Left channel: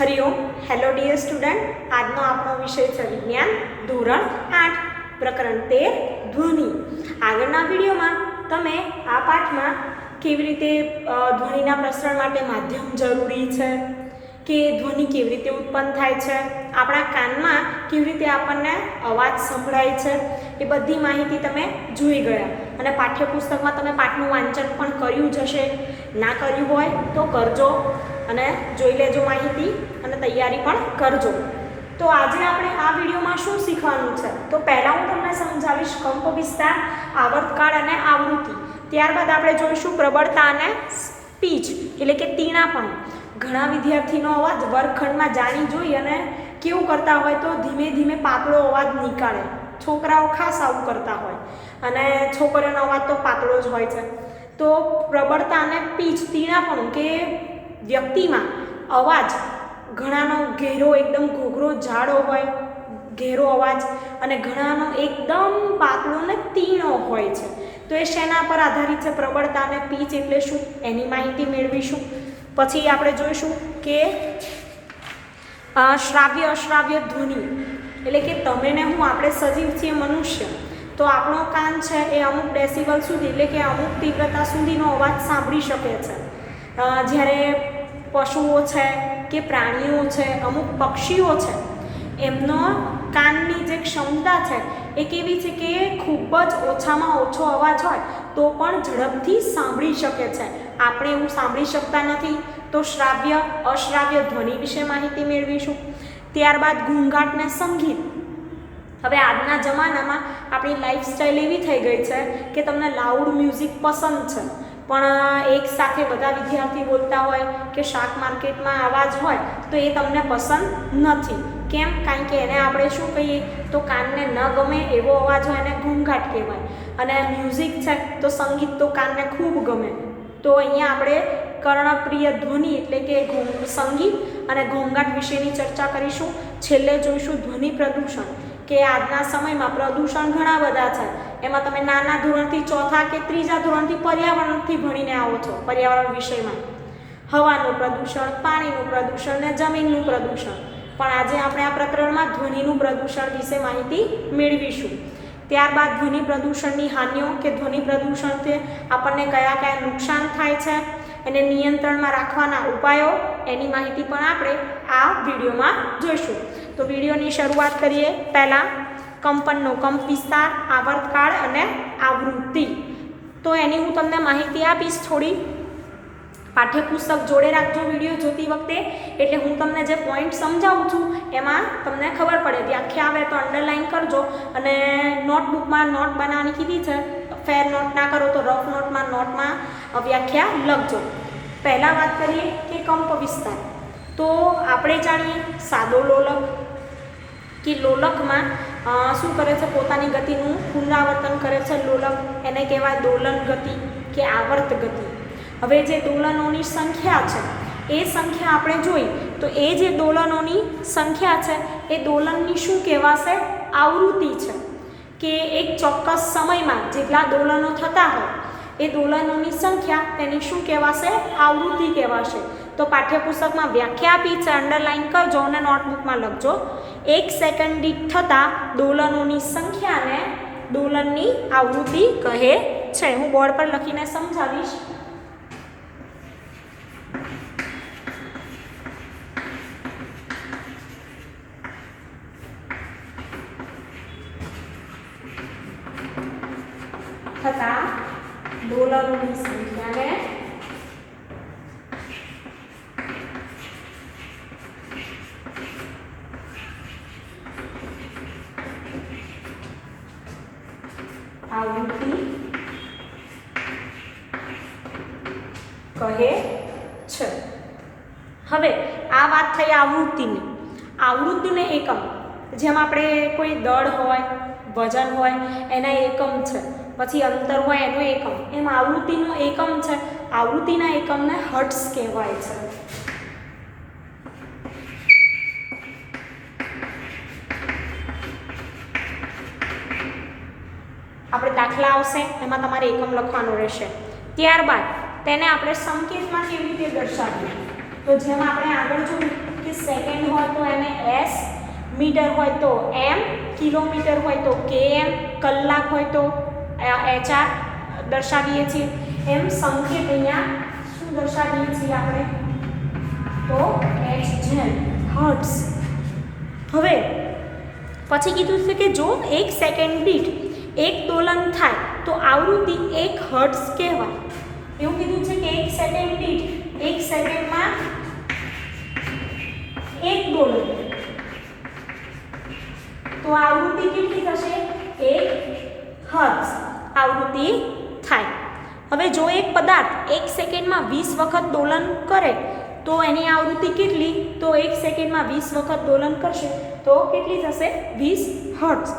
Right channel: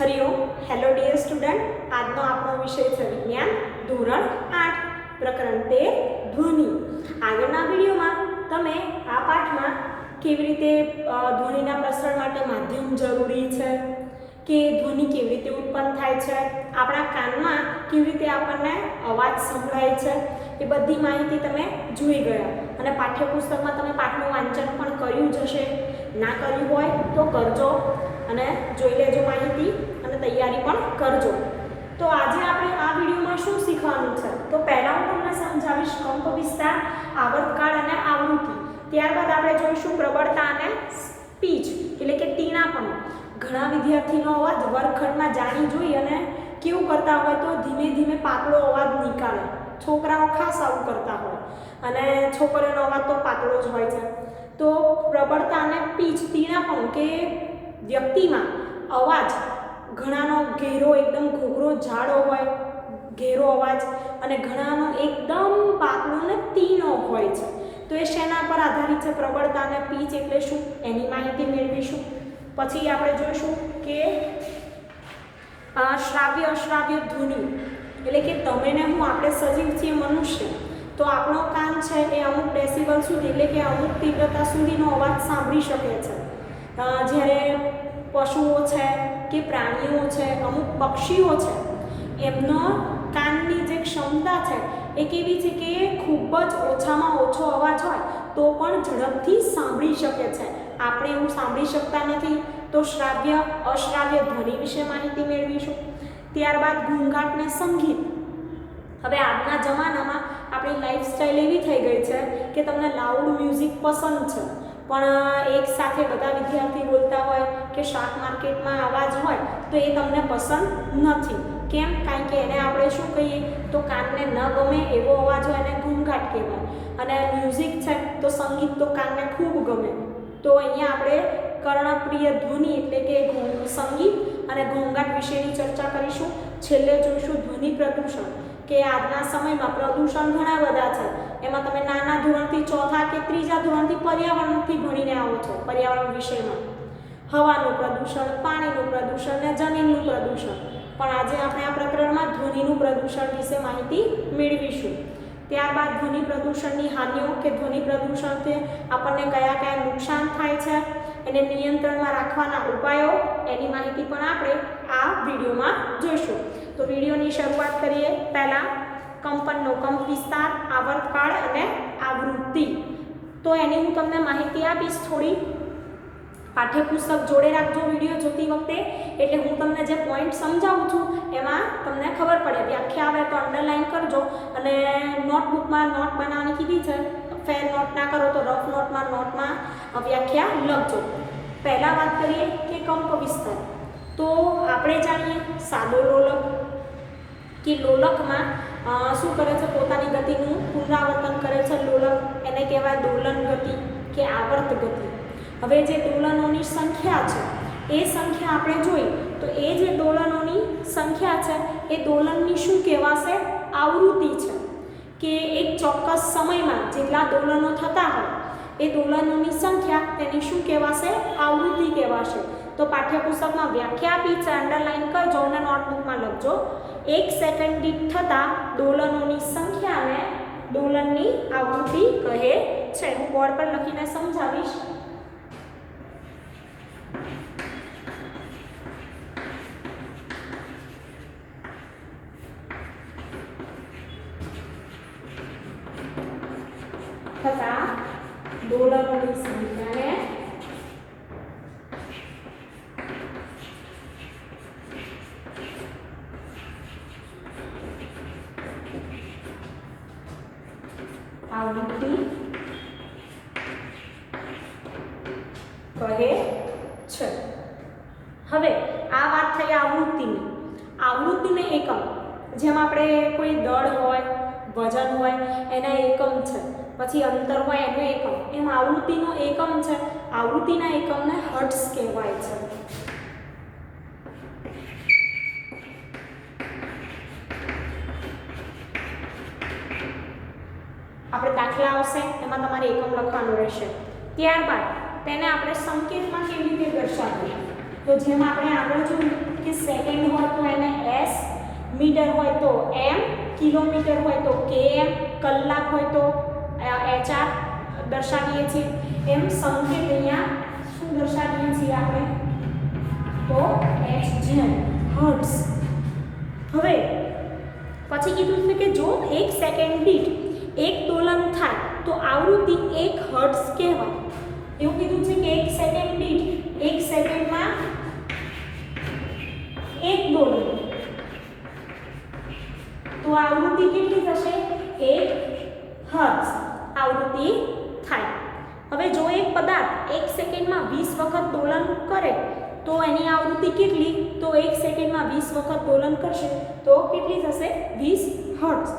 Hariom. Hello dear student. આજનો આપણો વિષય છે વિજ્ઞાન ધોરણ 8 પ્રકરણ 13 ધ્વનિ. આગળના વિડીયોમાં તમે આ પાઠમાં કેવી રીતે ધ્વનિના પ્રસરણ માટે માધ્યમ જરૂરી છે, કે ધ્વનિ કેવી રીતે ઉત્પન્ન થાય છે, આપણા કાનમાં કેવી રીતે આપણને અવાજ સંભળાય છે, એ બધી માહિતી તમે જોઈ ગયા. અને પાઠ્યપુસ્તકમાં તમે પાઠનું વાંચન પણ કર્યું જ હશે. ના કર્યું હોય તો કરજો અને જોઈ લેજો માહિતી અને તૈયારી પણ કરજો. તો આજે આપણે આ વિડીયોમાં શું શીખવાનું છે, તો પહેલાં હું તમને સમજાવીશ કંપ વિસ્તાર, આવર્તકાળ અને આવૃત્તિ. ત્યારબાદ આપણે જોઈશું પ્રબળતા અને સ્પીચ એટલે કે તીણાપણું. ઘણા વિદ્યાર્થીનો અવાજ વર્ગખંડમાં જાણી જોઈ અને કેવું કરતા હોય તો ધીમે ધીમે પાતળો અવાજ નીકાળે. છોકરાઓ ખાસ આવું કરતા હોય અને છોકરીઓનો અવાજ તો પાતળો જ હોય છે. તો પ્રબળતા અને પીચ તીણાપણું કે વ્યક્તિમાં અવાજ ઘણાનો ઘેરો એકદમ ઘોઘરો જાડો હોય, ઘેરો અવાજ, અને ઘણાનો એકદમ પાતળો અને તીણો હોય છે. તો એ શેના પર આધારિત છે? પ્રબળતા અને પીચ એટલે શું એની માહિતી મેળવીશું. પછી આપણે જોઈશું કે શ્રાવ્ય અશ્રાવ્ય ધ્વનિ એટલે કે તમે ને હું, આપણે સજીવ છીએ મનુષ્ય, તો આપણો કાન છે એ અમુક ડેસિબલ સુધી એટલે કે અમુક તીવ્રતા સુધીનો અવાજ સાંભળી શકે છે. જ્યારે પશુઓ છે કે પ્રાણીઓ છે, અમુક પક્ષીઓ છે, એમનો કાનની જે ક્ષમતા છે એ કેવી છે કે ખૂબ જ ઓછામાં ઓછો અવાજ હોય તો પણ ઝડપથી સાંભળી શકે છે. આપણે એવું સાંભળી શકતા નથી. તો શ્રાવ્ય અશ્રાવ્ય ધ્વનિ વિશે માહિતી મેળવીશું. ત્યારબાદ ઘૂંઘાટ ને સંગીત. હવે આજના જમાનામાં આપણી લાઈફસ્ટાઈલ એવી થઈ ગઈ છે કે તમને લાઉડ મ્યુઝિક પસંદ છે, પણ એક સાથે બધા વિદ્યાર્થી બોલતા હોય કે શાક માર્કેટમાં અવાજ હોય તો એ તમને પસંદ નથી. કેમ? કારણ કે એને આપણે શું કહીએ તો કાનને ન ગમે એવો અવાજ હોય એને ઘૂંઘાટ કહેવાય. અને મ્યુઝિક છે તો સંગીત તો કાનને ખૂબ ગમે. તો અહીંયા આપણે કર્ણપ્રિય ધ્વનિ એટલે કે સંગીત અને ઘોંઘાટ વિશેની ચર્ચા કરીશું. છેલ્લે જોઈશું ધ્વનિ પ્રદૂષણ, કે આજના સમયમાં પ્રદૂષણ ઘણા બધા છે. એમાં તમે નાના ધોરણથી ચોથા કે ત્રીજા ધોરણથી પર્યાવરણથી ભણીને આવો છો. પર્યાવરણ વિષયમાં હવાનું પ્રદૂષણ, પાણીનું પ્રદૂષણ ને જમીનનું પ્રદૂષણ. પણ આજે આપણે આ પ્રકરણમાં ધ્વનિનું પ્રદૂષણ વિશે માહિતી મેળવીશું. ત્યારબાદ ધ્વનિ પ્રદૂષણની હાનિઓ કે ધ્વનિ પ્રદૂષણથી આપણને કયા કયા નુકસાન થાય છે, એને નિયંત્રણમાં રાખવાના ઉપાયો, એની માહિતી પણ આપણે આ વિડીયોમાં જોઈશું. તો વિડીયોની શરૂઆત કરીએ. પહેલાં કંપનનો કંપ વિસ્તાર, આવર્તકાળ અને આવૃત્તિ. તો એની હું તમને માહિતી આપીશ થોડી. પાઠ્યપુસ્તક જોડે રાખજો વિડીયો જોતી વખતે, એટલે હું તમને જે પોઈન્ટ સમજાવું છું એમાં તમને ખબર પડે. વ્યાખ્યા આવે તો અંડરલાઈન કરજો, અને નોટબુકમાં નોટ બનાવવાની કીધી છે. ફેર નોટ ના કરો તો રફ નોટમાં વ્યાખ્યા લખજો. પહેલાં વાત કરીએ કે કંપ વિસ્તાર. તો આપણે જાણીએ સાદો લોલક કે લોલકમાં શું કરે છે? પોતાની ગતિનું પુનરાવર્તન કરે છે લોલક. એને કહેવાય દોલન ગતિ કે આવર્ત ગતિ. હવે જે દોલનોની સંખ્યા છે એ સંખ્યા આપણે જોઈ તો એ જે દોલનોની સંખ્યા છે એ દોલનની શું કહેવાશે? આવૃત્તિ છે. કે એક ચોક્કસ સમયમાં જેટલા દોલનો થતા હોય એ દોલનોની સંખ્યા તેની શું કહેવાશે? આવૃત્તિ કહેવાશે. તો પાઠ્યપુસ્તકમાં વ્યાખ્યા આપી છે, અંડરલાઈન કરજો અને નોટબુકમાં લખજો. 1 સેકન્ડ દીઠ થતા દોલનોની સંખ્યાને દોલનની આવૃત્તિ કહે છે. હું બોર્ડ પર લખીને સમજાવીશ. થતા દોલનોની સંખ્યાને આવૃત્તિ કહે છે. હવે આ વાત થઈ આવૃત્તિની. આવૃત્તિને એકમ, જેમ આપણે કોઈ દળ હોય, વજન હોય, એના એકમ છે. પછી અંતર હોય એનો એકમ. એમ આવૃત્તિનો એકમ છે. આવૃત્તિના એકમને હર્ટ્ઝ કહેવાય છે. આપણે દાખલા આવશે એમાં તમારે એકમ લખવાનું રહેશે. ત્યારબાદ તેને આપણે સંકેતમાં કેવી રીતે દર્શાવીએ? તો તો જેમ આપણે આગળ જોયું કે સેકન્ડ હોય તો એને એસ, મીટર હોય તો એમ, કિલોમીટર હોય તો કેએમ, કલાક હોય તો એચઆર દર્શાવીએ છીએ. એમ સંકેત અહીંયા શું દર્શાવીએ છીએ આપણે તો એચ જેમ હર્ટ્ઝ. હવે પછી કીધું છે કે જો 1 સેકન્ડ દીઠ 1 દોલન થાય તો આવૃત્તિ 1 હર્ટ્ઝ કહેવાય. એવું કીધું છે કે 1 સેકન્ડ દીઠ 1 સેકન્ડમાં 1 દોલન, તો આવૃત્તિ કેટલી થશે 1 હર્ટ્ઝ આવૃત્તિ થાય. હવે જો એક પદાર્થ 1 સેકન્ડમાં 20 વખત દોલન કરે તો એની આવૃત્તિ કેટલી, તો 1 સેકન્ડમાં 20 વખત દોલન કરશે તો કેટલી થશે 20 હર્ટ્ઝ.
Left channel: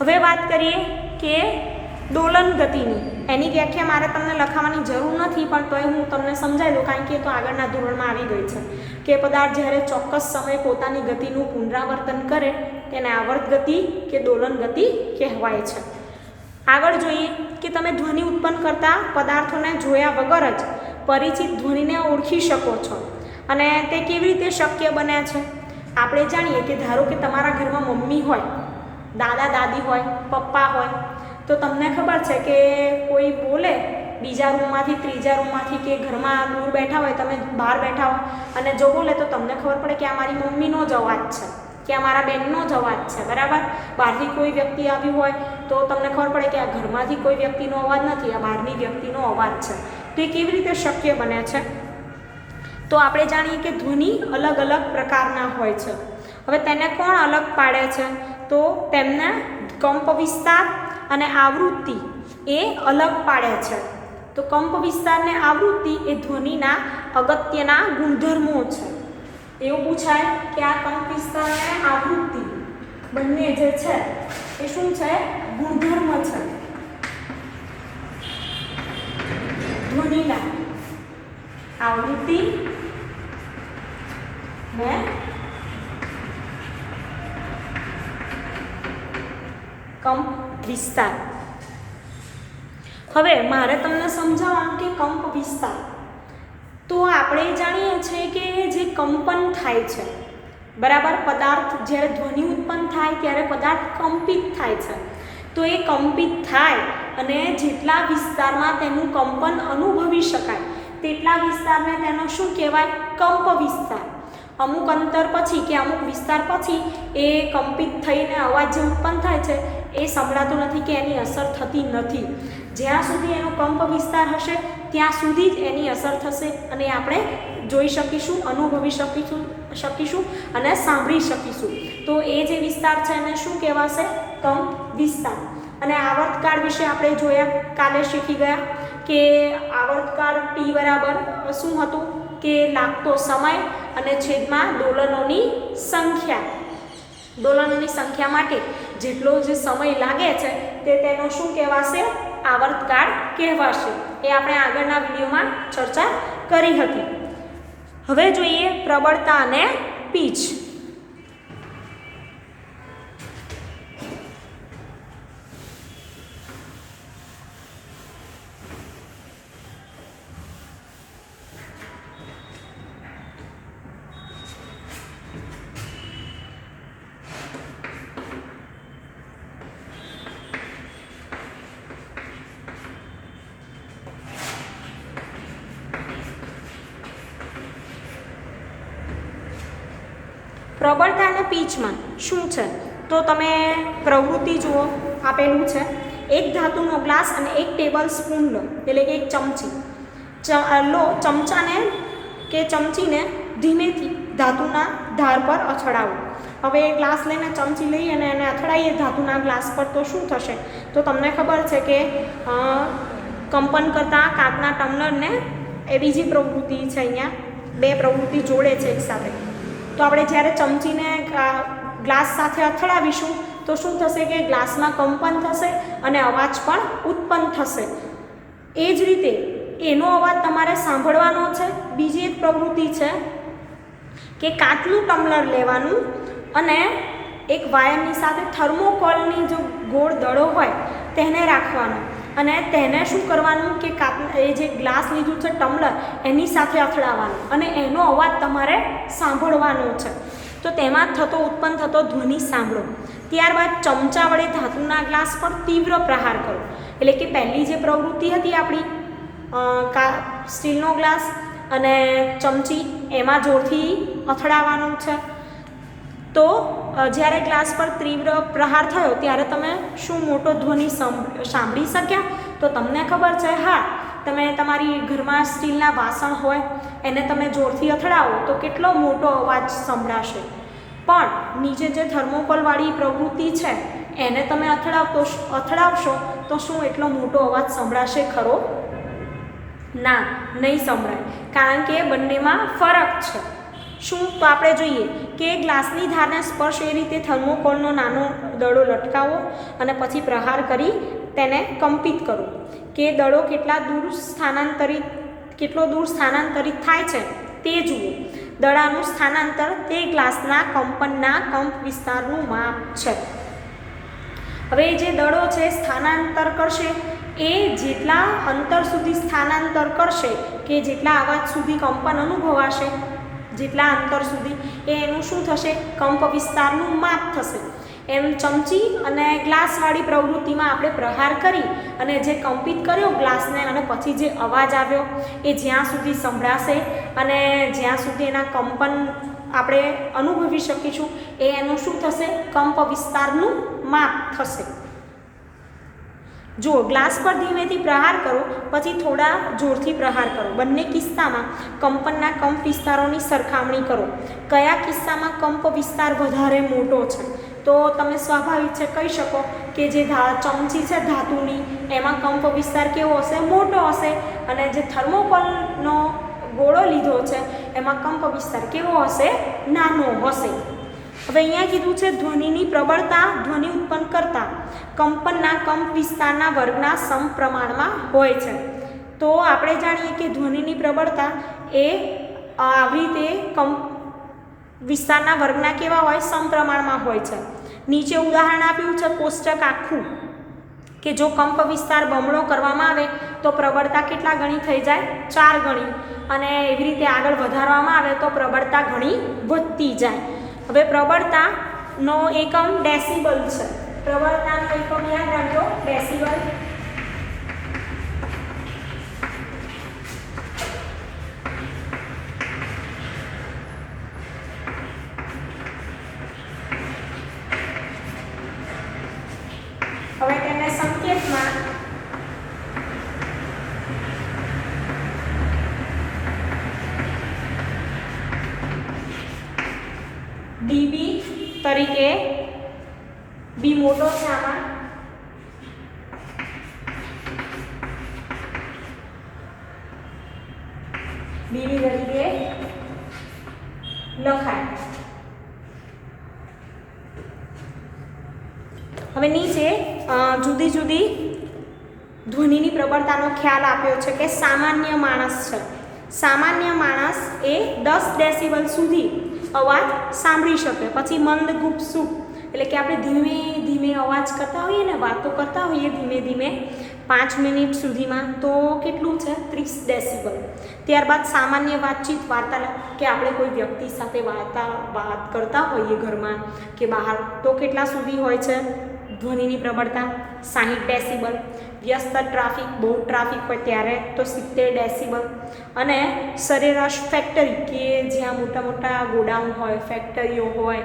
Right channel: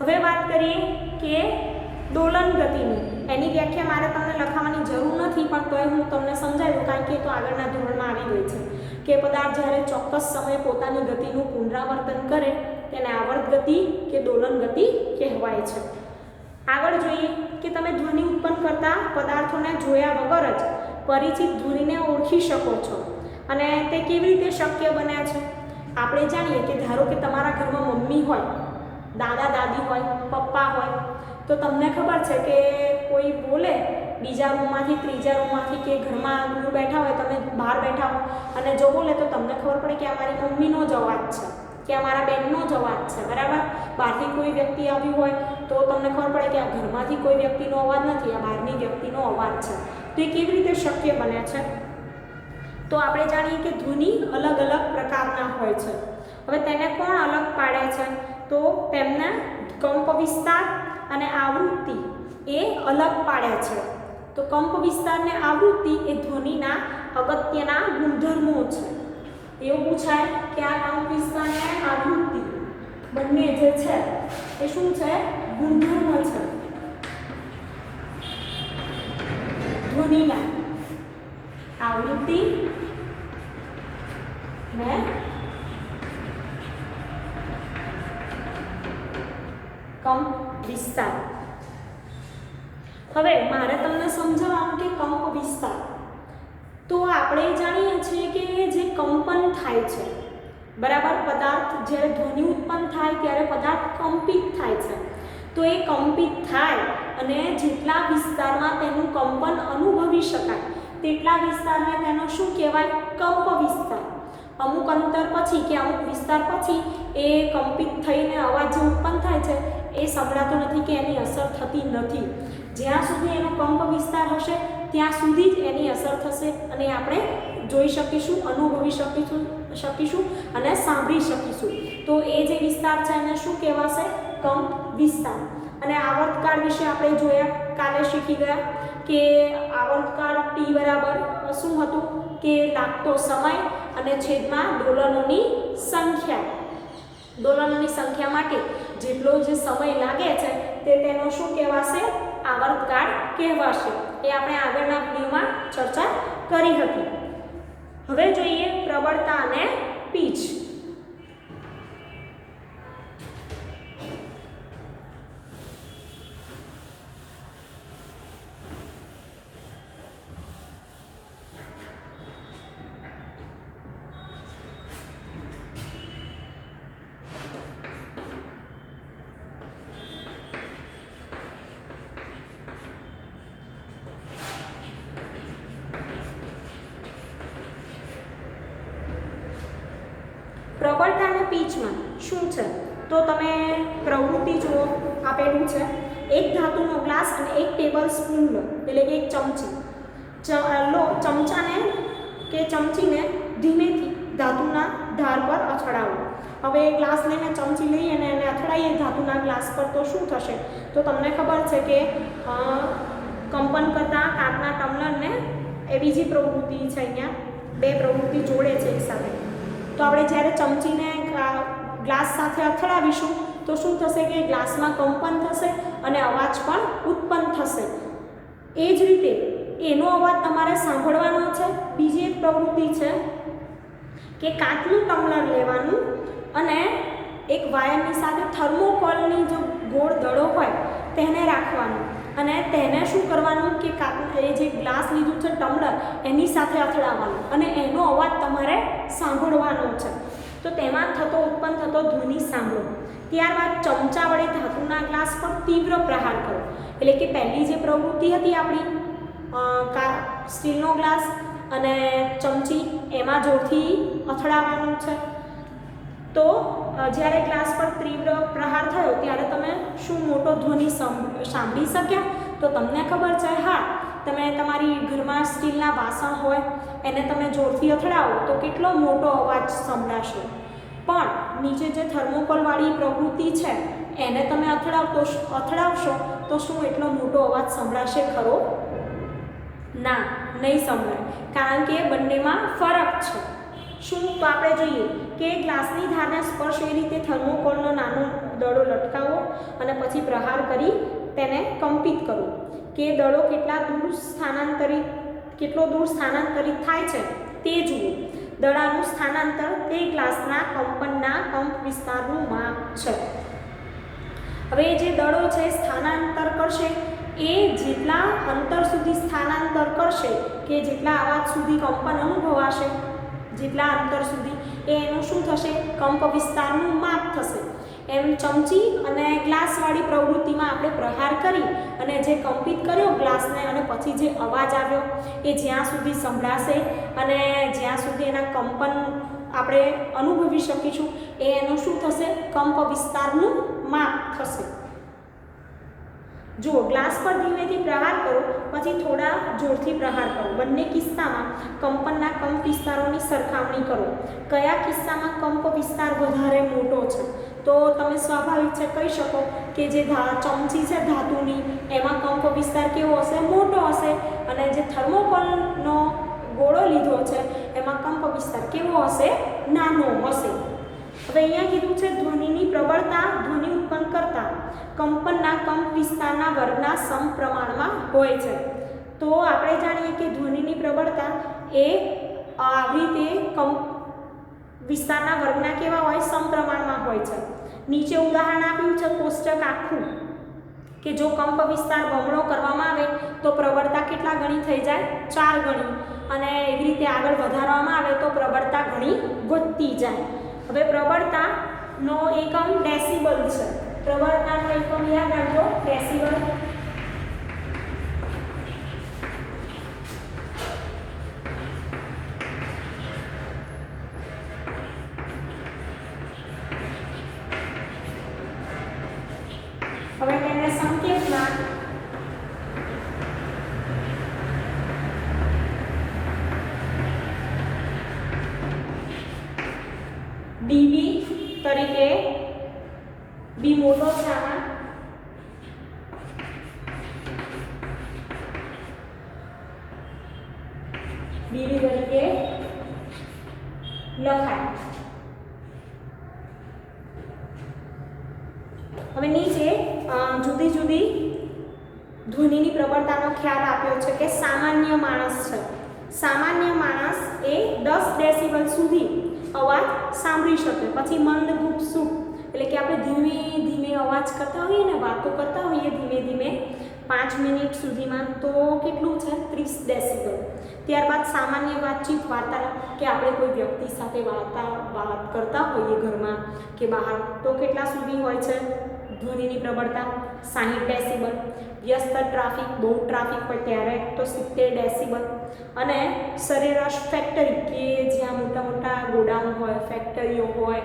હવે વાત કરીએ કે દોલન ગતિની. એની વ્યાખ્યા મારે તમને લખાવવાની જરૂર નથી, પણ તોય હું તમને સમજાવી દઉં, કારણ કે તો આગળના ધોરણમાં આવી ગઈ છે કે પદાર્થ જ્યારે ચોક્કસ સમયે પોતાની ગતિનું પુનરાવર્તન કરે તેને આવર્ત ગતિ કે દોલન ગતિ કહેવાય છે. આગળ જોઈએ કે તમે ધ્વનિ ઉત્પન્ન કરતા પદાર્થોને જોયા વગર જ પરિચિત ધ્વનિને ઓળખી શકો છો. અને તે કેવી રીતે શક્ય બને છે? આપણે જાણીએ કે ધારો કે તમારા ઘરમાં મમ્મી હોય, દાદા દાદી હોય, પપ્પા હોય, તો તમને ખબર છે કે કોઈ બોલે બીજા રૂમમાંથી, ત્રીજા રૂમમાંથી કે ઘરમાં દૂર બેઠા હોય, તમે બહાર બેઠા હોય અને જો બોલે તો તમને ખબર પડે કે આ મારી મમ્મીનો જ અવાજ છે કે આ મારા બહેનનો જ અવાજ છે, બરાબર. બહારથી કોઈ વ્યક્તિ આવી હોય તો તમને ખબર પડે કે આ ઘરમાંથી કોઈ વ્યક્તિનો અવાજ નથી, આ બહારની વ્યક્તિનો અવાજ છે. તો એ કેવી રીતે શક્ય બને છે? તો આપણે જાણીએ કે ધ્વનિ અલગ અલગ પ્રકારના હોય છે. હવે તેને કોણ અલગ પાડે છે? તો તેમના કંપ વિસ્તાર અને આવૃત્તિ એ અલગ પાડે છે. તો કંપ વિસ્તાર અને આવૃત્તિ એ ધ્વનિના અગત્યના ગુણધર્મો છે. એવું પૂછાય કે આ કંપ વિસ્તાર અને આવૃત્તિ બંને જે છે એ શું છે? ગુણધર્મ છે ધ્વનિના. આવૃત્તિ ને કંપ વિસ્તાર. હવે મારે તમને સમજાવવાનું કે કંપ વિસ્તાર. તો આપણે જાણીએ છીએ કે જે કંપન થાય છે, બરાબર, પદાર્થ જ્યારે ધ્વનિ ઉત્પન્ન થાય ત્યારે પદાર્થ કંપિત થાય છે. તો એ કંપિત થાય અને જેટલા વિસ્તારમાં તેનું કંપન અનુભવી શકાય તેટલા વિસ્તારને તેનો શું કહેવાય? કંપ વિસ્તાર. અમુક અંતર પછી કે અમુક વિસ્તાર પછી એ કંપિત થઈને અવાજ જે ઉત્પન્ન થાય છે એ સંભળાતો નથી કે એની અસર થતી નથી. જ્યાં સુધી એનો કંપ વિસ્તાર હશે ત્યાં સુધી જ એની અસર થશે અને આપણે જોઈ શકીશું, અનુભવી શકીશું અને સાંભળી શકીશું. તો એ જે વિસ્તાર છે એને શું કહેવાશે? કંપ વિસ્તાર. અને આવર્તકાળ વિશે આપણે જોયા, કાલે શીખી ગયા કે આવર્તકાળ T બરાબર શું હતું કે લાગતો સમય અને છેદમાં દોલનોની સંખ્યા. દોલનોની સંખ્યા માટે જેટલો જે સમય લાગે છે તે તેનો શું કહેવાશે? આવર્તકાળ કહેવાશે. એ આપણે આગળના વિડીયોમાં ચર્ચા કરી હતી. હવે જોઈએ પ્રબળતા અને પીચ. પ્રબળતા અને પીચમાં શું છે? તો તમે પ્રવૃત્તિ જુઓ, આપેલું છે એક ધાતુનો ગ્લાસ અને એક ટેબલ સ્પૂન લો, એટલે કે એક ચમચી લો. ચમચાને કે ચમચીને ધીમેથી ધાતુના ધાર પર અથડાવો. હવે એ ગ્લાસ લઈને ચમચી લઈએ અને એને અથડાઈએ ધાતુના ગ્લાસ પર તો શું થશે? તો તમને ખબર છે કે કંપન કરતાં કાચના ટમ્બલરને એ બીજી પ્રવૃત્તિ છે, અહીંયા બે પ્રવૃત્તિ જોડે છે એકસાથે. તો આપણે જ્યારે ચમચીને ગ્લાસ સાથે અથડાવીશું તો શું થશે કે ગ્લાસમાં કંપન થશે અને અવાજ પણ ઉત્પન્ન થશે. એ જ રીતે એનો અવાજ તમારે સાંભળવાનો છે. બીજી એક પ્રવૃત્તિ છે કે કાચનું ટમ્બલર લેવાનું અને એક વાયરની સાથે થર્મોકોલની જો ગોળ દડો હોય તેને રાખવાનો અને તેને શું કરવાનું કે એ જે ગ્લાસ લીધું છે ટમ્બલર એની સાથે અથડાવવાનું અને એનો અવાજ તમારે સાંભળવાનો છે. તો તેમાં ઉત્પન્ન થતો ધ્વનિ સાંભળો. ત્યારબાદ ચમચા વડે ધાતુના ગ્લાસ પર તીવ્ર પ્રહાર કરો. એટલે કે પહેલી જે પ્રવૃત્તિ હતી આપણી સ્ટીલનો ગ્લાસ અને ચમચી એમાં જોરથી અથડાવવાનું છે. તો જ્યારે ગ્લાસ પર તીવ્ર પ્રહાર થયો ત્યારે તમે શું મોટો ધ્વનિ સાંભળી શક્યા? તો તમને ખબર છે, હા, તમે તમારી ઘરમાં સ્ટીલના વાસણ હોય એને તમે જોરથી અથડાવો તો કેટલો મોટો અવાજ સંભળાશે. પણ નીચે જે થર્મોકોલવાળી પ્રવૃત્તિ છે એને તમે અથડાવશો તો શું એટલો મોટો અવાજ સંભળાશે ખરો? ના, નહીં સંભળાય, કારણ કે બંનેમાં ફરક છે. શું? તો આપણે જોઈએ કે ગ્લાસની ધારને સ્પર્શ એ રીતે થર્મોકોલનો નાનો દડો લટકાવો અને પછી પ્રહાર કરી તેને કંપિત કરો કે દડો કેટલો દૂર સ્થાનાંતરિત થાય છે તે જુઓ. દડાનું સ્થાનાંતર તે ગ્લાસના કંપનના કંપ વિસ્તારનું માપ છે. હવે જે દડો છે સ્થાનાંતર કરશે એ જેટલા અંતર સુધી સ્થાનાંતર કરશે કે જેટલા અવાજ સુધી કંપન અનુભવાશે, જેટલા અંતર સુધી એનું શું થશે? કંપ વિસ્તારનું માપ થશે. એમ ચમચી અને ગ્લાસવાળી પ્રવૃત્તિમાં આપણે પ્રહાર કરી અને જે કંપિત કર્યો ગ્લાસને અને પછી જે અવાજ આવ્યો એ જ્યાં સુધી સંભળાશે અને જ્યાં સુધી એના કંપન આપણે અનુભવી શકીશું એનું શું થશે? કંપ વિસ્તારનું માપ થશે. જો ગ્લાસ પર ધીમેથી પ્રહાર કરો પછી થોડા જોરથી પ્રહાર કરો. બંને કિસ્સામાં કંપનના કંપ વિસ્તારોની સરખામણી કરો. કયા કિસ્સામાં કંપ વિસ્તાર વધારે મોટો છે? તો તમે સ્વાભાવિક છે કહી શકો કે જે ચમચી છે ધાતુની એમાં કંપ વિસ્તાર કેવો હશે? મોટો હશે. અને જે થર્મોકોલનો ગોળો લીધો છે એમાં કંપ વિસ્તાર કેવો હશે? નાનો હશે. હવે અહીંયા કીધું છે ધ્વનિની પ્રબળતા ધ્વનિ ઉત્પન્ન કરતા કંપનના કંપ વિસ્તારના વર્ગના સમપ્રમાણમાં હોય છે. તો આપણે જાણીએ કે ધ્વનિની પ્રબળતા એ આવી રીતે વિસ્તારના વર્ગના કેવા હોય? સમપ્રમાણમાં હોય છે. નીચે ઉદાહરણ આપ્યું છે કોષ્ટક આખું કે જો કંપ વિસ્તાર બમણો કરવામાં આવે તો પ્રબળતા કેટલા ગણી થઈ જાય? 4 ગણી. અને એવી રીતે આગળ વધારવામાં આવે તો પ્રબળતા ઘણી વધતી જાય. હવે પ્રબળતાનો એકમ ડેસિબલ છે. પ્રબળતાનો એકમ યાદ રાખજો, ડેસિબલ. હવે તેને સંકેતમાં ડીબી તરીકે, બી મોટો છે આમાં, ડીબી તરીકે લખાય. હવે નીચે જુદી જુદી ધ્વનિની પ્રબળતાનો ખ્યાલ આપ્યો છે કે સામાન્ય માણસ છે. સામાન્ય માણસ એ 10 ડેસિબલ સુધી અવાજ સાંભળી શકે. પછી મંદ ગુપસુપ એટલે કે આપણે ધીમે ધીમે અવાજ કરતા હોઈએ ને, વાતો કરતા હોઈએ ધીમે ધીમે 5 મિનિટ સુધીમાં, તો કેટલું છે? 30 ડેસિબલ. ત્યારબાદ સામાન્ય વાતચીત, વાર્તાલાપ કે આપણે કોઈ વ્યક્તિ સાથે વાત કરતા હોઈએ ઘરમાં કે બહાર, તો કેટલા સુધી હોય છે ધ્વનિની પ્રબળતા? 60 ડેસિબલ. વ્યસ્ત ટ્રાફિક, બહુ ટ્રાફિક હોય ત્યારે તો 70 ડેસિબલ. અને સરેરાશ ફેક્ટરી કે જ્યાં મોટા મોટા ગોડાઉન હોય, ફેક્ટરીઓ હોય,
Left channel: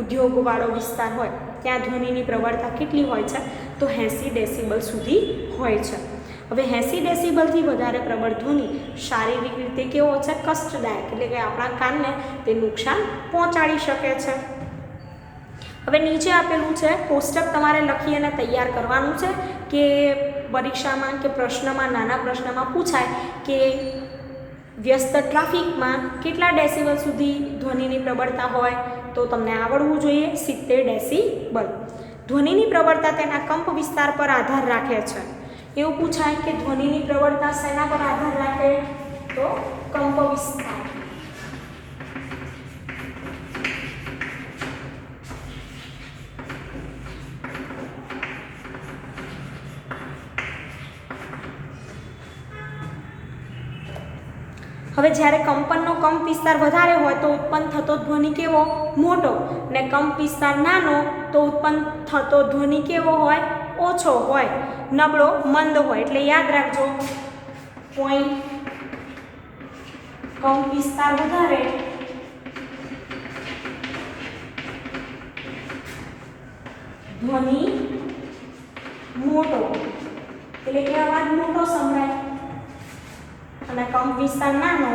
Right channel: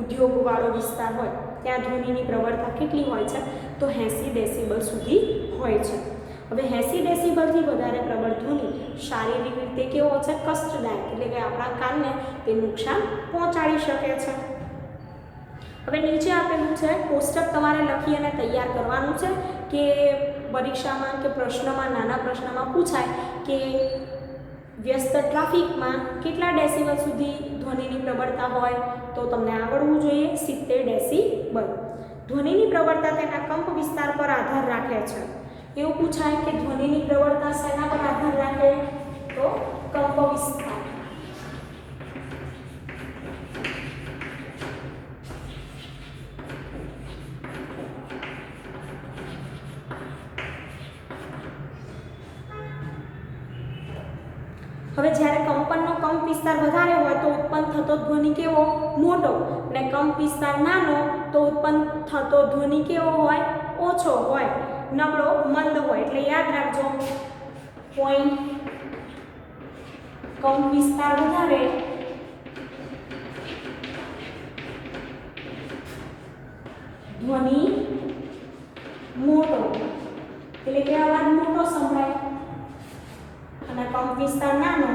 ઉદ્યોગવાળો વિસ્તાર હોય ત્યાં ધ્વનિની પ્રબળતા કેટલી હોય છે? તો 80 ડેસિબલ સુધી હોય છે. હવે 80 ડેસિબલથી વધારે પ્રબળ ધ્વનિ શારીરિક રીતે કેવો છે? કષ્ટદાયક, એટલે કે આપણા કાનને તે નુકસાન પહોંચાડી શકે છે. હવે નીચે આપેલું છે કોષ્ટક તમારે લખી અને તૈયાર કરવાનું છે કે પરીક્ષામાં કે પ્રશ્નમાં, નાના પ્રશ્નમાં પૂછાય કે વ્યસ્ત ટ્રાફિકમાં કેટલા ડેસિબલ સુધી ધ્વનિની પ્રબળતા હોય, તો તમને આવડવું જોઈએ 70 ડેસિબલ. ધ્વનિની પ્રબળતા તેના કંપ વિસ્તાર પર આધાર રાખે છે. એવું પૂછાય કે ધ્વનિની પ્રબળતા શેના પર આધાર રાખે? તો કંપ વિસ્તાર. હવે જ્યારે કંપનનો કંપ વિસ્તાર વધારે હોય તો ઉત્પન્ન થતો ધ્વનિ કેવો? મોટો. ને કંપ વિસ્તાર નાનો તો ઉત્પન્ન થતો ધ્વનિ કેવો હોય? ઓછો હોય, નબળો, મંદ હોય. એટલે યાદ રાખજો, પોઈન્ટ કંપ વિસ્તાર વધારે ધ્વનિ મોટો, એટલે કે અવાજ મોટો સંભળાય, અને કંપ વિસ્તાર નાનો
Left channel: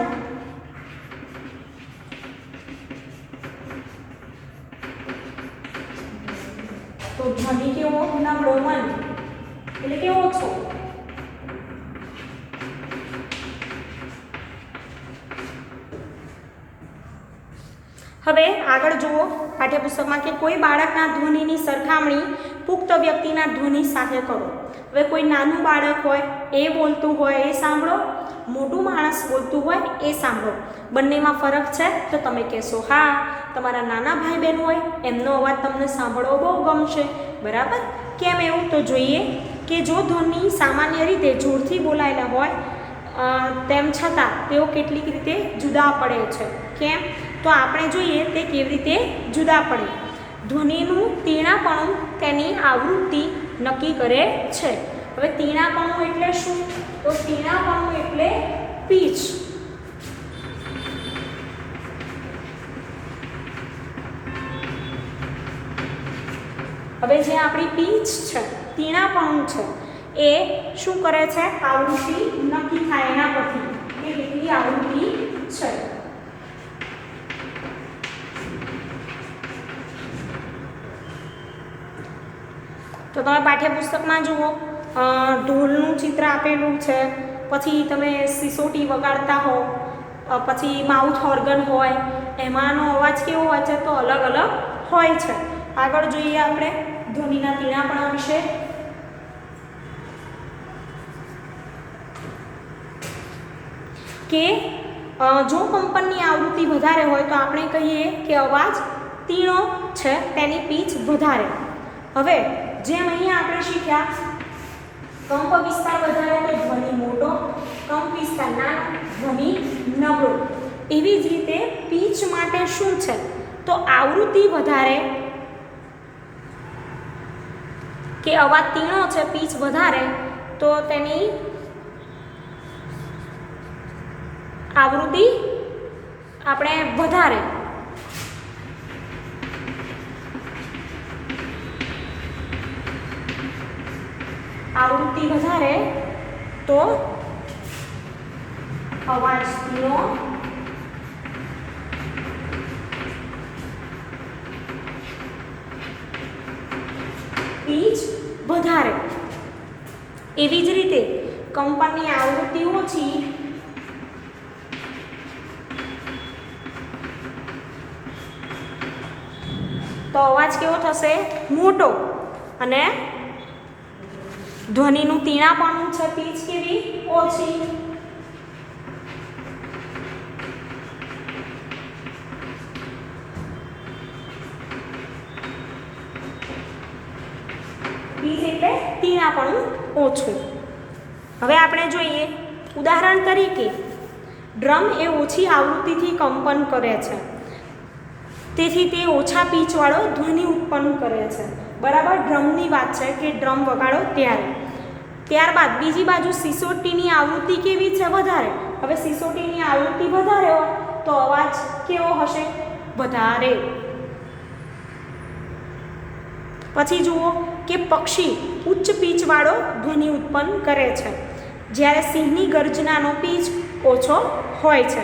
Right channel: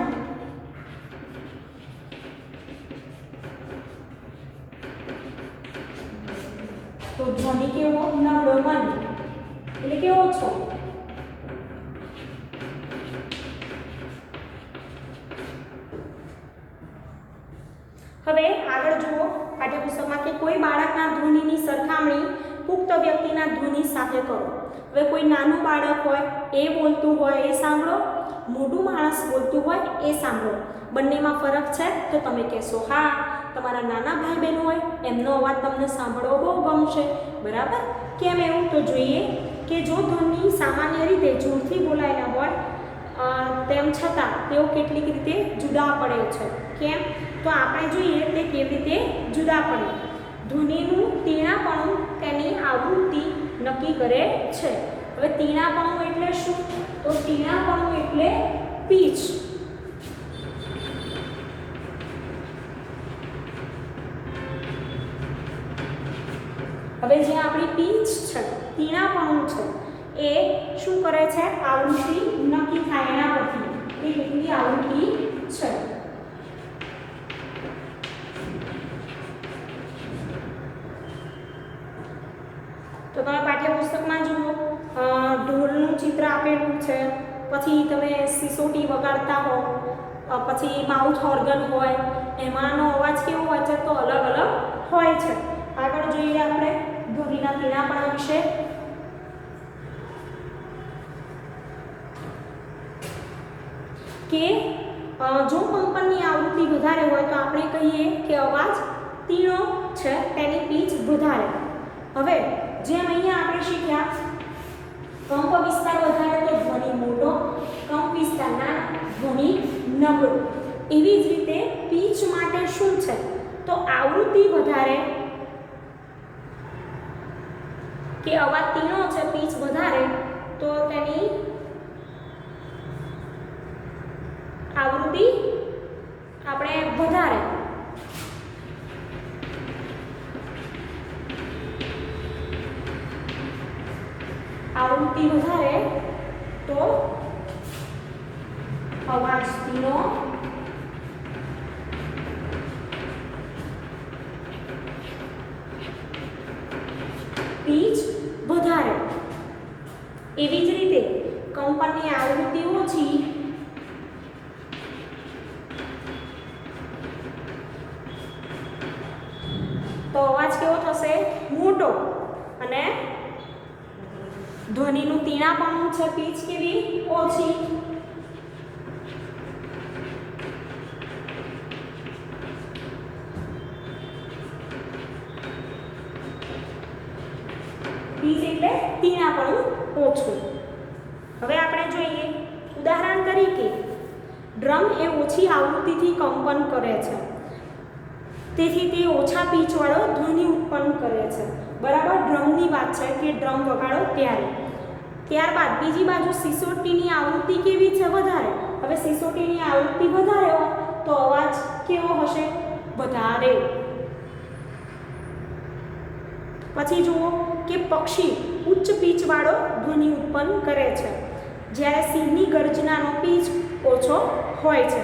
તો ધ્વનિ કેવો? નબળો, મંદ, એટલે કે ઓછો. હવે આગળ જુઓ પાઠ્યપુસ્તકમાં કે કોઈ બાળકના ધ્વનિની સરખામણી પુખ્ત વ્યક્તિના ધ્વનિ સાથે કરો. હવે કોઈ નાનું બાળક હોય એ બોલતું હોય એ સાંભળો, મોટું માણસ બોલતું હોય એ સાંભળો. બંનેમાં ફરક છે? તો તમે કહેશો હા. તમારા નાના ભાઈ બહેન હોય એમનો અવાજ તમને સાંભળવો બહુ ગમશે, બરાબર? કેમ એવું? તો જોઈએ કે જો ધ્વનિ સામાન્ય રીતે જોરથી બોલાયેલા હોય તેમ છતાં તેઓ કેટલીક રીતે જુદા પડે છે. કેમ? તો આપણે જોઈએ તે કેવી રીતે જુદા પડે. ધ્વનિનું તીણાપણું તેની આવૃત્તિ નક્કી કરે છે. હવે તીણાપણું એટલે શું? તો તીણાપણું એટલે પીચ. હવે જે આપણી પીચ છે, તીણાપણું છે, એ શું કરે છે? આવૃત્તિ નક્કી થાય એના પરથી કે કેટલી આવૃત્તિ છે. તો તમે પાઠ્યપુસ્તકમાં જુઓ ઢોલનું ચિત્ર આપેલું છે, પછી તમે સિસોટી વગાડતા હો, પછી માઉથ ઓર્ગન હોય, એમાંનો અવાજ કેવો હોય છે? તો અલગ અલગ હોય છે. આગળ જોઈએ આપણે ધ્વનિના તીણાપણા વિશે. કે જો કંપનની આવૃત્તિ વધારે હોય તો આપણે કહીએ કે અવાજ તીણો છે, તેની પીચ વધારે. હવે જેમ અહીંયા આપણે શીખ્યા કંપ વિસ્તાર વધારે તો ધ્વનિ મોટો, કંપ વિસ્તાર નાનો, ધ્વનિ નબળો. એવી જ રીતે પીચ માટે શું છે? તો આવૃત્તિ વધારે કે અવાજ તીણો છે, પીચ વધારે, તો તેની આવૃત્તિ આપણે વધારે. આવૃત્તિ વધારે તો અવાજ તીણો, પીચ વધારે. એવી જ રીતે કંપનની આવૃત્તિ ઓછી તો અવાજ કેવો થશે? મોટો. અને ધ્વનિનું તીણાપણું છે, પીચ કેવી? ઓછી. પીચ એટલે તીણાપણું ઓછું. હવે આપણે જોઈએ ઉદાહરણ તરીકે ડ્રમ એ ઓછી આવૃત્તિથી કંપન કરે છે, તેથી તે ઓછા પીચવાળો ધ્વનિ ઉત્પન્ન કરે છે, બરાબર? ડ્રમની વાત છે કે ડ્રમ વગાડો ત્યારે. ત્યારબાદ બીજી બાજુ સિસોટીની આવૃત્તિ કેવી છે? વધારે. હવે સિસોટીની આવૃત્તિ વધારે હોય તો અવાજ કેવો હશે? વધારે. પછી જુઓ કે પક્ષી ઉચ્ચ પીચવાળો ધ્વનિ ઉત્પન્ન કરે છે, જ્યારે સિંહની ગર્જનાનો પીચ ઓછો હોય છે.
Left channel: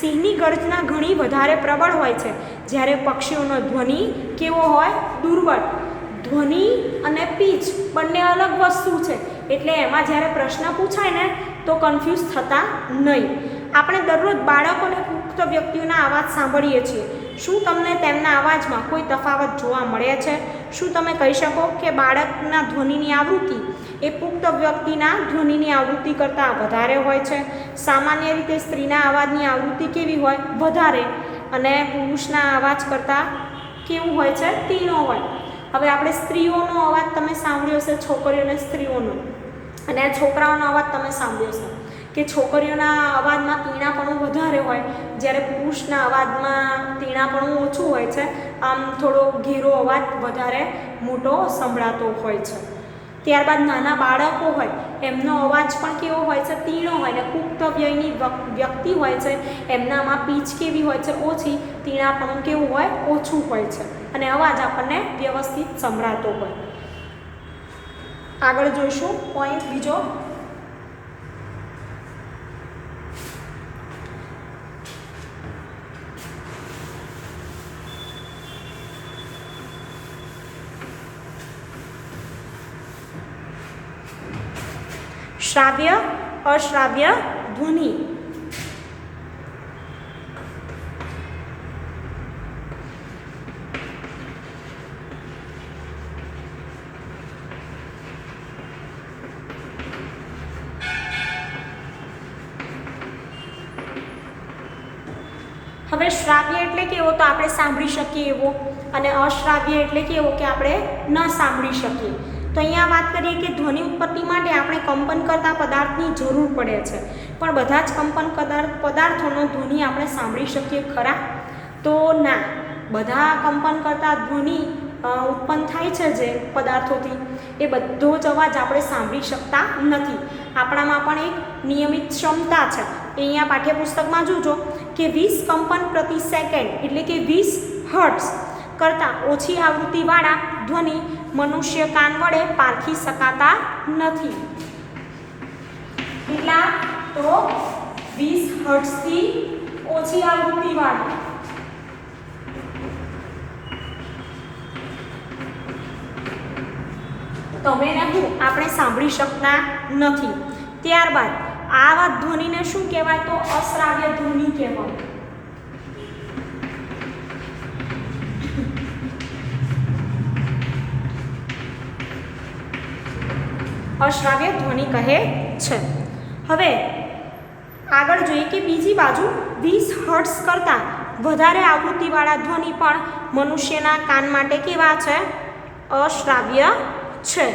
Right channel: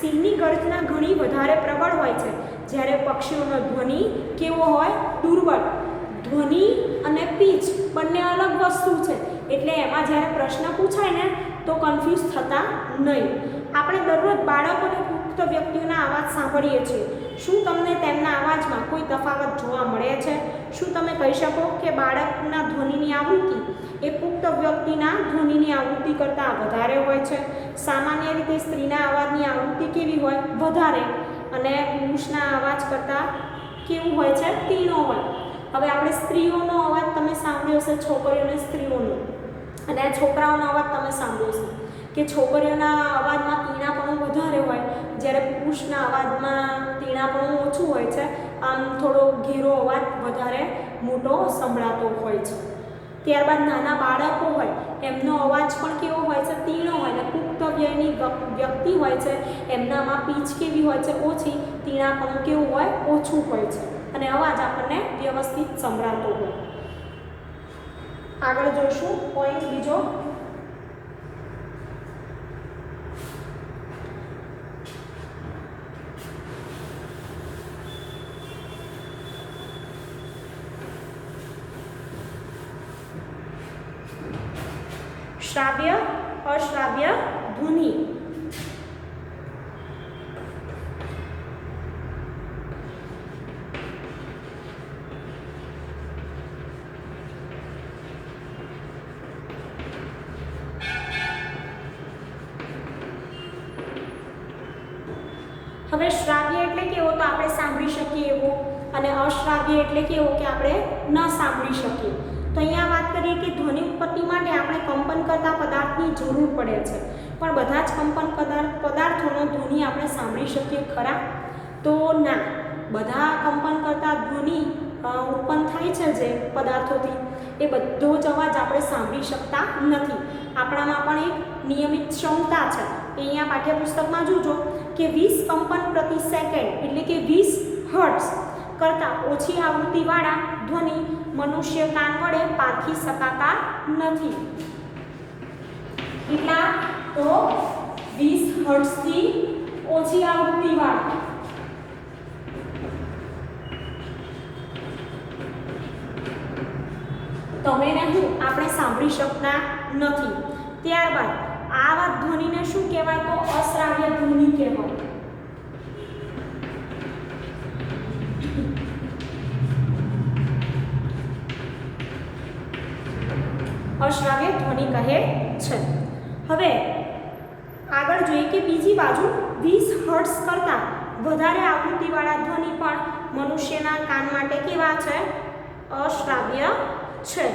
સિંહની ગર્જના ઘણી વધારે પ્રબળ હોય છે, જ્યારે પક્ષીઓનો ધ્વનિ કેવો હોય? દુર્બળ. ધ્વનિ અને પીચ બંને અલગ વસ્તુ છે, એટલે એમાં જ્યારે પ્રશ્ન પૂછાય ને તો કન્ફ્યુઝ થતા નહીં. આપણે દરરોજ બાળકોને પુખ્ત વ્યક્તિઓના અવાજ સાંભળીએ છીએ. શું તમને તેમના અવાજમાં કોઈ તફાવત જોવા મળે છે? શું તમે કહી શકો કે બાળકના ધ્વનિની આવૃત્તિ એ પુખ્ત વ્યક્તિના ધ્વનિની આવૃત્તિ કરતાં વધારે હોય છે? સામાન્ય રીતે સ્ત્રીના અવાજની આવૃત્તિ કેવી હોય? વધારે. અને પુરુષના અવાજ કરતાં કેવું હોય છે? તીણો હોય. હવે આપણે સ્ત્રીઓનો અવાજ તમે સાંભળ્યો હશે, છોકરીઓ અને સ્ત્રીઓનો, અને છોકરાઓનો અવાજ તમે સાંભળ્યો છે કે છોકરીઓના અવાજમાં તીણાપણું વધારે હોય, જ્યારે પુરુષના અવાજમાં તીણાપણું ઓછું હોય છે, આમ થોડો ઘેરો અવાજ વધારે મોટો સંભળાતો હોય છે. ત્યારબાદ નાના બાળકો હોય એમનો અવાજ પણ કેવો હોય છે, તીણો હોય, ને પુખ્ત વયની વ્યક્તિ હોય છે એમનામાં પીચ કેવી હોય છે, ઓછી, તીણાપણું કેવું હોય, ઓછું હોય છે, અને અવાજ આપણને વ્યવસ્થિત સંભળાતો હોય. આગળ જોઈશું પોઈન્ટ બીજો. શ્રાવ્ય અશ્રાવ્ય ધ્વનિ. હવે શ્રાવ્ય એટલે કેવો, તો આપણે સાંભળી શકીએ એવો, અને અશ્રાવ્ય એટલે કેવો કે આપણે ન સાંભળી શકીએ. તો અહીંયા વાત કરીએ કે ધ્વનિ ઉત્પત્તિ માટે આપણે કંપન કરતા પદાર્થની જરૂર પડે છે, પણ બધા જ કંપન પદાર્થોનો ધ્વનિ આપણે સાંભળી શકીએ ખરા? તો ના, બધા કંપન કરતા ધ્વનિ ઉત્પન્ન થાય છે જે પદાર્થોથી, એ બધો જ અવાજ આપણે સાંભળી શકતા નથી. આપણામાં પણ એક નિયમિત ક્ષમતા છે. અહીંયા પાઠ્યપુસ્તકમાં જોજો કે 20 કંપન પ્રતિ સેકન્ડ એટલે કે 20 હર્ટ્ઝ કરતાં ઓછી આવૃત્તિવાળા ધ્વનિ મનુષ્ય કાન વડે પારખી શકાતા નથી. કેટલા? તો 20 હર્ટ્ઝથી ઓછી આવૃત્તિવાળા. તમે ને હું આપણે સાંભળી શકતા નથી. ત્યારબાદ આવા ધ્વનિને શું કહેવાય? તો અશ્રાવ્ય ધ્વનિ કહેવાય. અશ્રાવ્ય ધ્વનિ કહે છે. હવે આગળ જોઈએ કે બીજી બાજુ 20 હર્ટ્ઝ કરતાં વધારે આવૃત્તિવાળા ધ્વનિ પણ મનુષ્યના કાન માટે કેવા છે? અશ્રાવ્ય છે.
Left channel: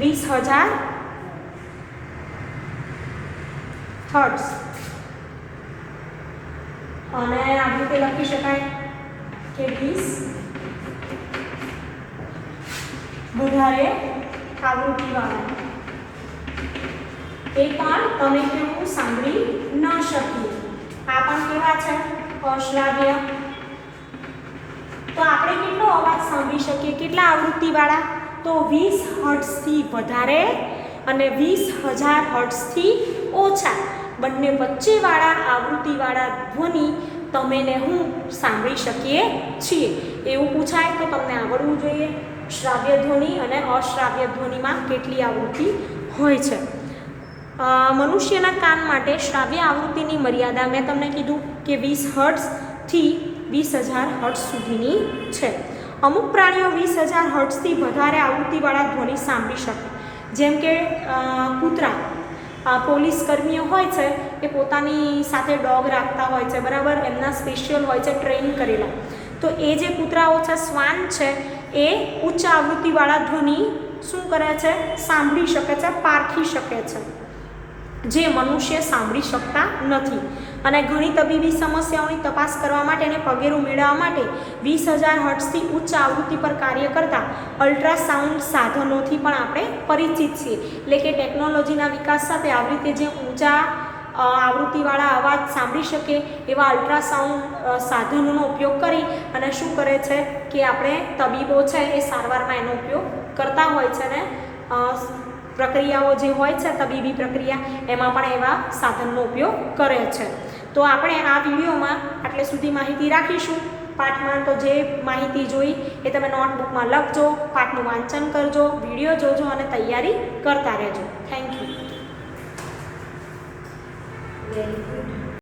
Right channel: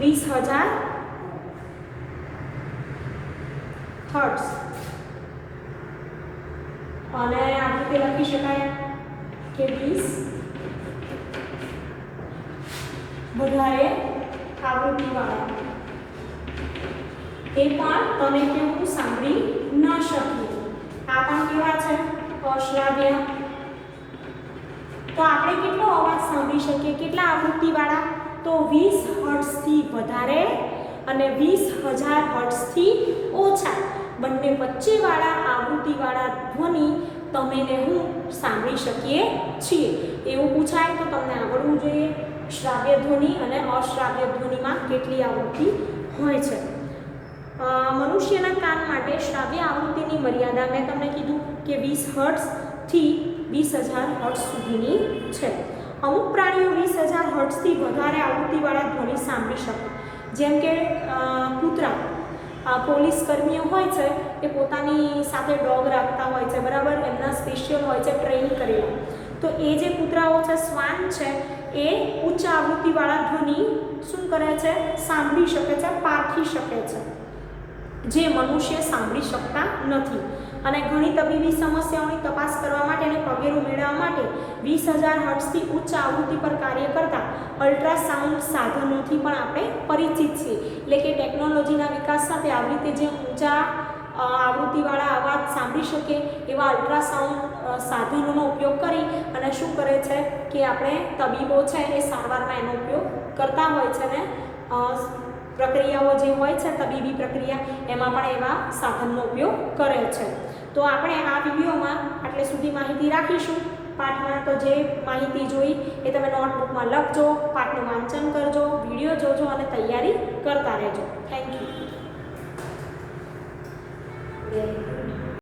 20,000 હર્ટ્ઝ, અને આ રીતે લખી શકાય કે 20 વધારે આવૃત્તિવાળા, એ પણ તમે કે હું સાંભળી ન શકીએ. આ પણ કેવા છે? અશ્રાવ્ય. તો આપણે કેટલો અવાજ સાંભળી શકીએ? કેટલા આવૃત્તિવાળા? તો 20 હર્ટ્ઝથી વધારે અને 20,000 હર્ટ્ઝથી ઓછા, બંને વચ્ચેવાળા આવૃત્તિવાળા ધ્વનિ તમે ને હું સાંભળી શકીએ છીએ. એવું પૂછાય તો તમને આવડવું જોઈએ શ્રાવ્ય ધ્વનિ અને અશ્રાવ્ય ધ્વનિમાં કેટલી આવૃત્તિ હોય છે. મનુષ્યના કાન માટે શ્રાવ્ય આવૃત્તિની મર્યાદા મેં તમને કીધું કે 20 હર્ટ્ઝથી 20,000 હર્ટ્ઝ સુધીની છે. અમુક પ્રાણીઓ 20,000 હર્ટ્ઝથી વધારે આવૃત્તિવાળા ધ્વનિ સાંભળી શકે, જેમ કે કૂતરા. પોલીસ કર્મીઓ હોય છે એ પોતાની સાથે ડોગ રાખતા હોય છે, બરાબર, એમના સ્પેશિયલ હોય છે, ટ્રેન કરેલા. તો એ જે કૂતરાઓ છે, શ્વાન છે, એ ઉચ્ચ આવૃત્તિવાળા ધ્વનિ શું કરે છે? સાંભળી શકે છે, પારખી શકે છે, જે મનુષ્ય સાંભળી શકતા નથી. અને ઘણી તબીબી સમસ્યાઓની તપાસ કરવા માટે અને પગેરું મેળવવા માટે 20,000 હર્ટ્ઝથી ઉચ્ચ આવૃત્તિ પર કાર્ય કરતા અલ્ટ્રાસાઉન્ડ સાધનોથી પણ આપણે પરિચિત છીએ. એટલે કે ટેકનોલોજીના વિકાસ સાથે આવી રીતે જે ઊંચા આવૃત્તિવાળા અવાજ સાંભળી શકે એવા અલ્ટ્રાસાઉન્ડ સાધનોનો ઉપયોગ કરી અને શું કરે છે કે આપણે તબીબો છે એ સારવારમાં એનો ઉપયોગ કરતા હોય છે, ને પ્રક્રિયાઓ જે હોય છે તબીબી પ્રક્રિયા એમાં પણ એવા સાધનનો ઉપયોગ કરે છે. તો આપણે આ વિડીયોમાં આટલે સુધી માહિતી રાખીશું. પાઠમાં તો જે માહિતી જોઈ એ તમે નોટબુકમાં લખજો, પાઠનું વાંચન કરજો, વિડીયો જોજો અને તૈયારી કરતા રહેજો. Thank you. Very good.